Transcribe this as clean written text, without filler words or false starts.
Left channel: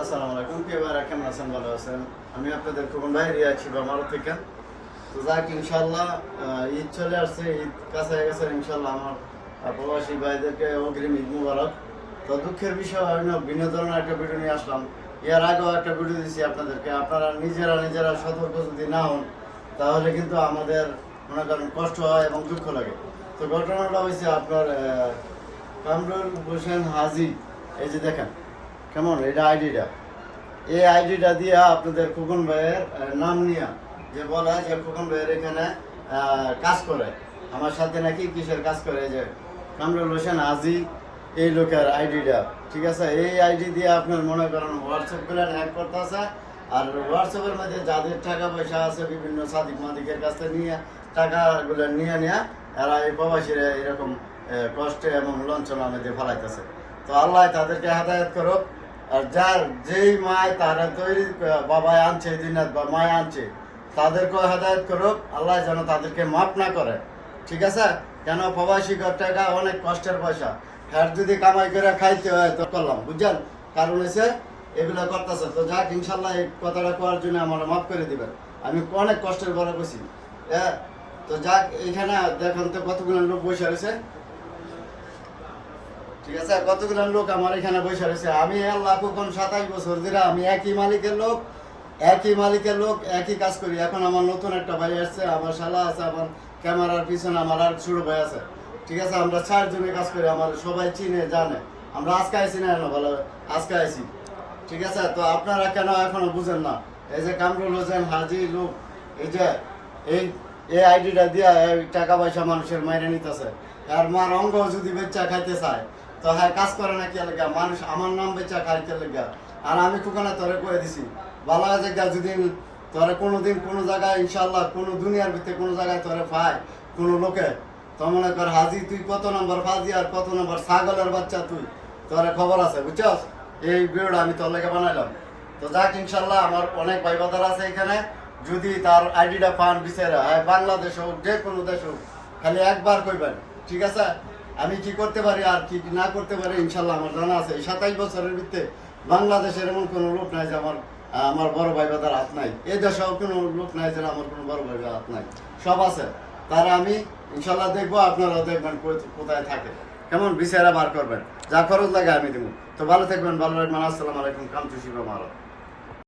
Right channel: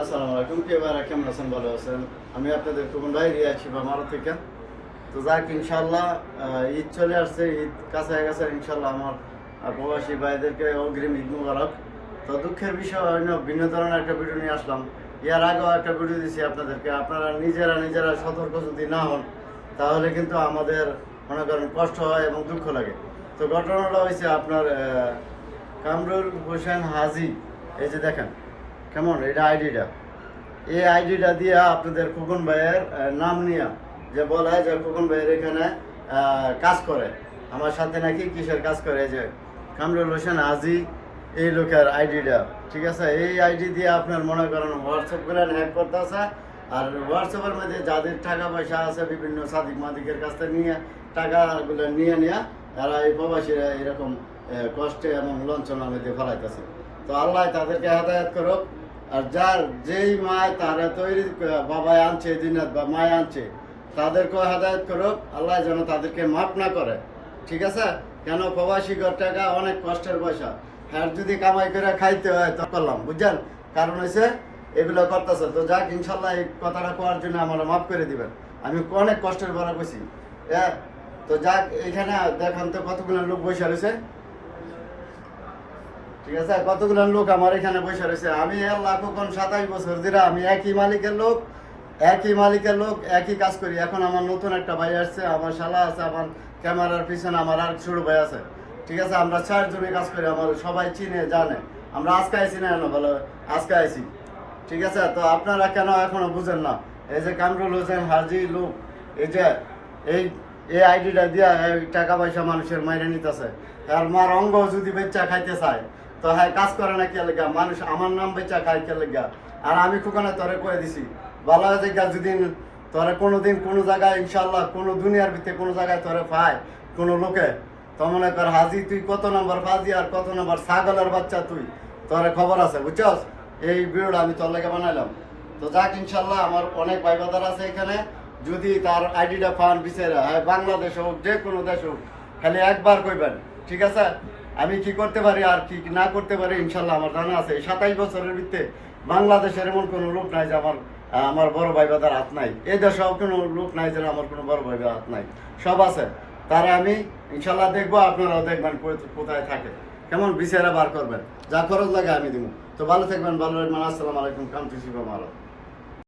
আসসালামু আলাইকুম, কেমন আছেন? ভালো আছেন? আমি আপনাদের খুবন ভাই রিয়াজ শিবা মারো থেকে। তো যাক, ইনশাল্লাহ ঈদ চলে আসছে, ঈদ কাছে গেছে। ইনশাল্লাহ আমার প্রবাসী ভাইদেরকে অগ্রিম ঈদ মুবারক। তো দুঃখের বিষয় হয় না, ভিন্ন ধরনের একটা ভিডিও নিয়ে আসলাম। এর আগেও একটা ভিডিও দিয়েছি আপনাদেরকে। আপনারা নিজেরা সতর্ক যদি না হন, তাহলে কিন্তু আমাদের মনে করেন কষ্ট হয় এবং দুঃখ লাগে। তো ঘটনাটা হয়েছে আপনার কামরুল হোসেন হাজি। এই যে দেখেন কেমন এটা আইডিটা, এই আইডিটা দিয়ে আপনাদের খোকন ভাইয়ের নাম নিয়ে যে বলা হয় যে খোকন ভাইয়ের এখানে কাজ করে, আমার সাথে নাকি কিসের কাজ করে, যে কামরুল হোসেন হাজি এই লোকের আইডিটা। ঠিক আছে, এই আইডি দিয়ে আপনার মনে করেন হোয়াটসঅ্যাপ করে হ্যাক করতে আছে। আর হোয়াটসঅ্যাপের মধ্যে যাদের টাকা পয়সা আছে বিভিন্ন সাদিক মাদিকের কাছ থেকে নিয়ে টাকাগুলো নিয়ে এরা এই প্রবাসীরা এরকম কষ্টে এবং লঞ্চনার মধ্যে ফেলাইতেছে। তো আল্লাহ তাদেরকে হেদায়ত করুক। আর যার যেই মায় তারা তৈরি বাবায় আনছে দিনাত বা মায় আনছে, তাদেরকেও হেদায়ত করুক আল্লাহ, যেন তাদেরকে মাফ না করে। ঠিক আছে, কেন প্রবাসী টাকা অনেক কষ্টের পয়সা, হ্যাঁ যদি কামাই করে খাইতে হয় তো করলাম, বুঝছেন? কারণ হচ্ছে এগুলো করতেছে। তো যাক, ইনশাল্লাহ এই কথাটা করার জন্য আমার মাফ করে দিবেন। আমি অনেক কষ্টের বড় বসি। হ্যাঁ, তো যাক, এখানে দেখেন তো কতগুলো লোক বসে রয়েছে। ঠিক আছে, কতগুলো লোক আমার এখানে বসে রয়েছে। আমি আল্লাহ কোন 27 বছর ধরে আমি একই মালিকের লোক একই কাজ করি। এখন আমার নতুন একটা ভাই আসছে, আমার শালা আছে, আমার ক্যামেরার পিছনে আমার আর ছোট ভাই আছে। ঠিক আছে, আমরা 4 জনে কাজ করি, আমার সবাই চিনে জানে। আমরা আজকে আইসি না, ভালো আজকে আইসি। ঠিক আছে, তো আপনারা কেন এখনো বুঝেন না? এই যে কামরুল হোসেন হাজি লোক, এই যে এই আইডিটা দিয়া টাকা পয়সা মানুষের মাইরে নিতেছে। আর মার অঙ্গ যদি বেচা খাইতে চায়, তো হ্যাঁ কাজ করে না কে লেগা, মানুষ আমার নাম বেচা খাইতে লেগা। আর আমি খুকানা তোরে করে দিছি ভালো জায়গা, যদি তোরে কোনোদিন কোনো জায়গায় ইনশাল্লাহ কোনো দুনিয়ার ভিতরে কোনো জায়গায় তোরে পায় কোনো লোকে, তো মনে কর হাজি তুই কত নম্বর ফাজি আর কত নম্বর ছাগলের বাচ্চা, তুই তোরে খবর আছে, বুঝছস? এই ভিডিওটা আমি তোর লেগে বানাইলাম। তো যাক, ইনশাল্লাহ আমার অনেক ভাই বাদার আছে এখানে। যদি তার আইডিটা পান বিচারা, বাংলাদেশ হোক যে কোনো দেশ হোক, খালি একবার কইবেন। ঠিক আছে, আমি কি করতে পারি আর কি না করতে পারি ইনশাল্লাহ আমার জানা আছে। 27 বছরের ভিতরে বাংলাদেশের এমন কোনো লোক নাই যে আমার বড় ভাই বাদার হাত নাই। এই দেশেও কোনো লোক নাই যে আমার কোনো বড় ভাই হাত নাই, সব আছে। তারা আমি ইনশাল্লাহ দেখবো, আপনারাও দেখবেন কোথায় থাকে, কেমন বিচারা বার করবেন, যা খরচ লাগে আমি দিব। তো ভালো থাকবেন, ভালো রাখবেন। আসসালামু আলাইকুম, কামচু শিবা মারো।